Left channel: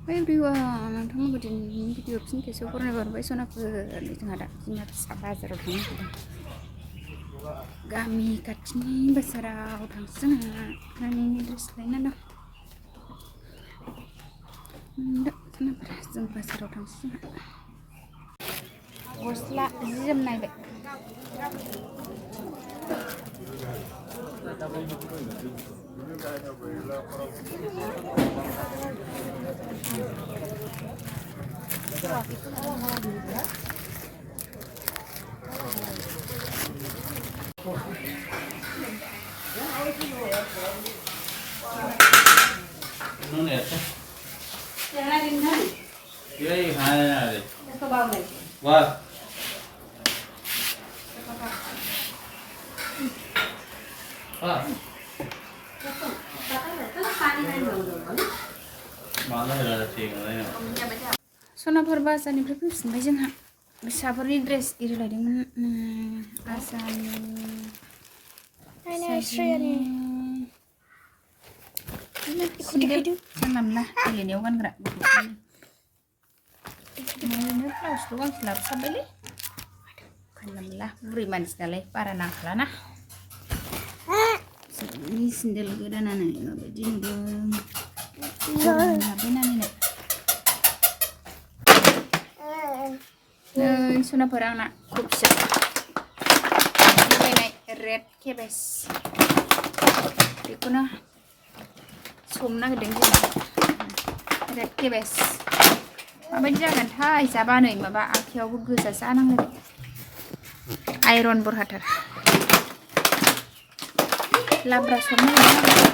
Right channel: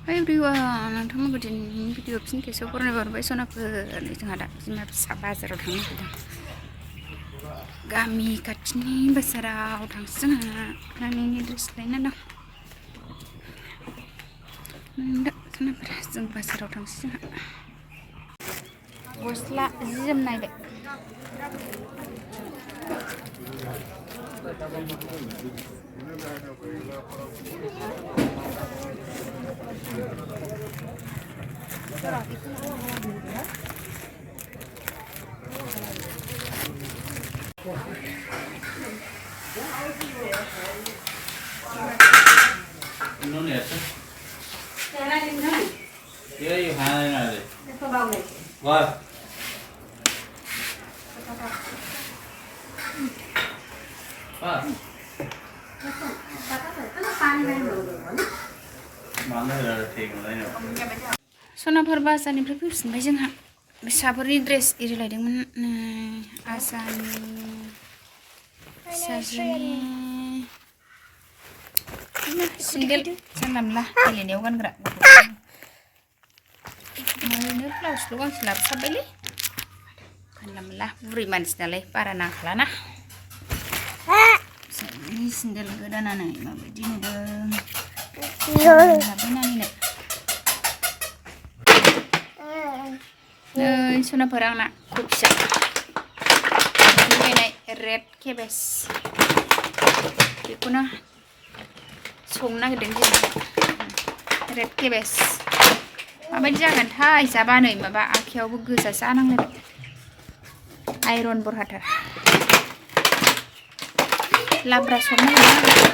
Hi everyone, nontonमोनखौ दिनैनि video फिन खेबसेयाव बरायनाय बावबाय सनाफोर जोंहा दा बिमा फिसा बाजाराव थांनो नागिरदों गामि खाथिनि बाजाराव थांसै जोंहा नानिनि ड्रेस लायना दं दा सनाफोर जों बाजाराव थांसै जोंहा गस्ला जि जोम नायबाय सनाफोर बाजारनिफ्राय फैफिनबाय जोंहा फिसाफोरनि ड्रेस एरि लायदोंमोन आजानि फिसाजोनि सेन्देल जानला मोनला गेलेनायाव गानग्रा ओरैनो ब्लाउसल' गांसे लाबोसाबबायलै जानला मोनला बुरै मानसि नालाय बारा नांखालाना सेन्देल गोदानानै माबायदि नुदों लाबाय नानिनो नै सनाफोर आंना कफिया बायनाय रेड केबेज बेखौनो संनो नागिरदों जों रेड केबेज माबायदि जागोनथाय जाबा नै माबा आखायावबो गोजा जानांलायबाय आइरन बरहाथार लाब्रा संनो नागिरदों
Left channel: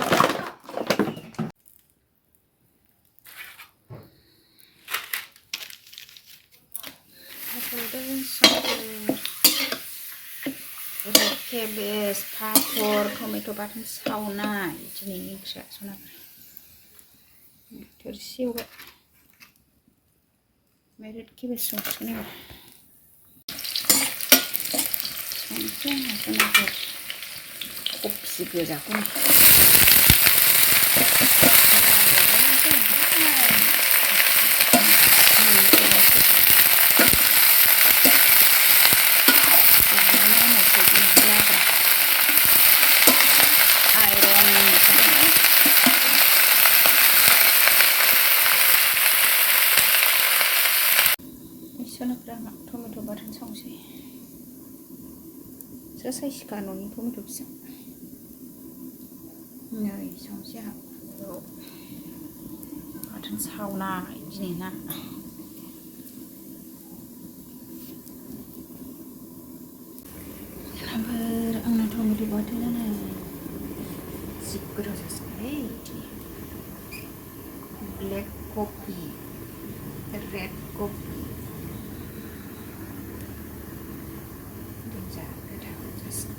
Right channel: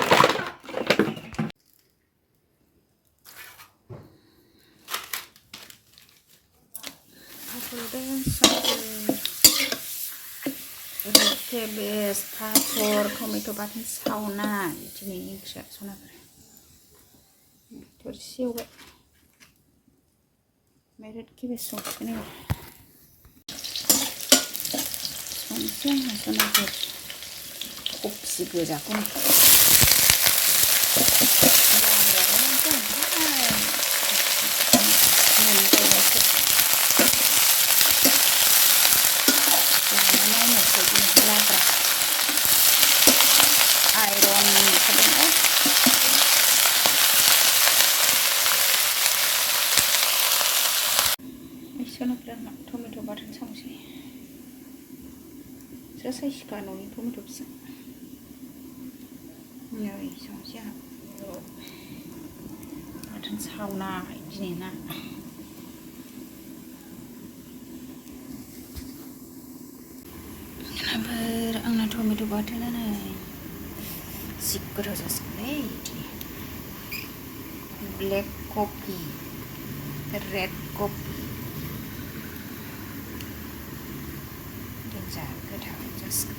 रेड केबेज पापर टमेट' बाथोन सावनाय दिनैनि ओंख्रिया सनाफोर थोरसि एवबाय ओमफ्राय रेड केबेज संसिगोन एबार संसै आङो सनाफोर कफि गोजाखौनो टमेट' बाथोन संसै सोर साइसखा न'नि टमेट' फिसा नै संसै आंहा बाथोन सावनाय दिनै ना आंना टमेट' बाथोना नै जि गोथाव जासिगोनलै ब्लेक कफि रेड कफि गोथाव जासिगोन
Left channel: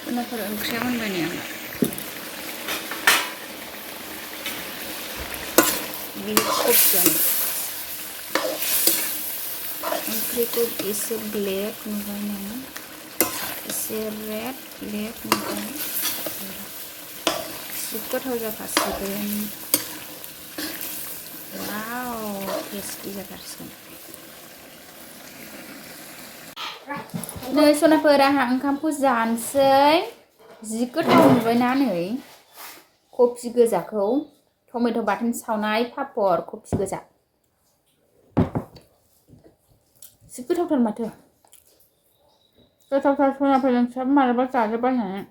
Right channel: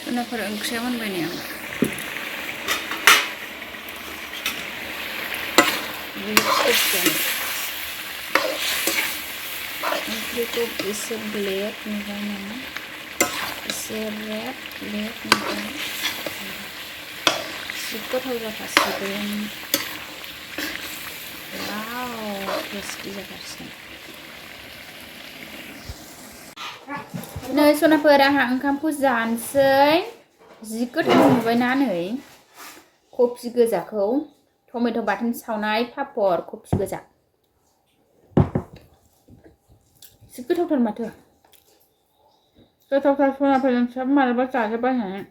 सनाफोर ओंख्रिया मोनबाय नै आंना ओंख्रिखौ एसे ब्लेक नुबाय नोङो एसे रेड ब्लेक नुबाय जि गोथाव जाखासिगोन वाव टेस्टि जाथारसिगोन नै सनाफोर आंहा ओंखामखौ जानोसै जि गोथाव नुबायना नै कफि गोजाखौ टमेट' बाथोन सावनाय पापर कफि गोजा जि गोथावथार माथो गोथावथार सनाफोर नोंस्राबो मालाबा जाजोबबायनानै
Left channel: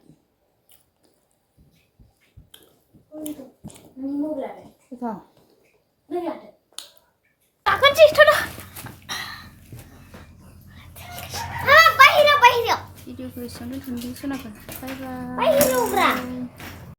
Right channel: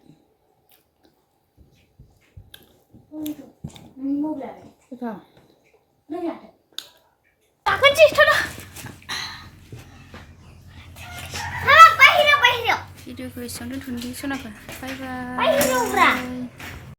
गोथाव भिडिअखौ एसेयावनो दोनथ'नोसै सनाफोर बाय बाय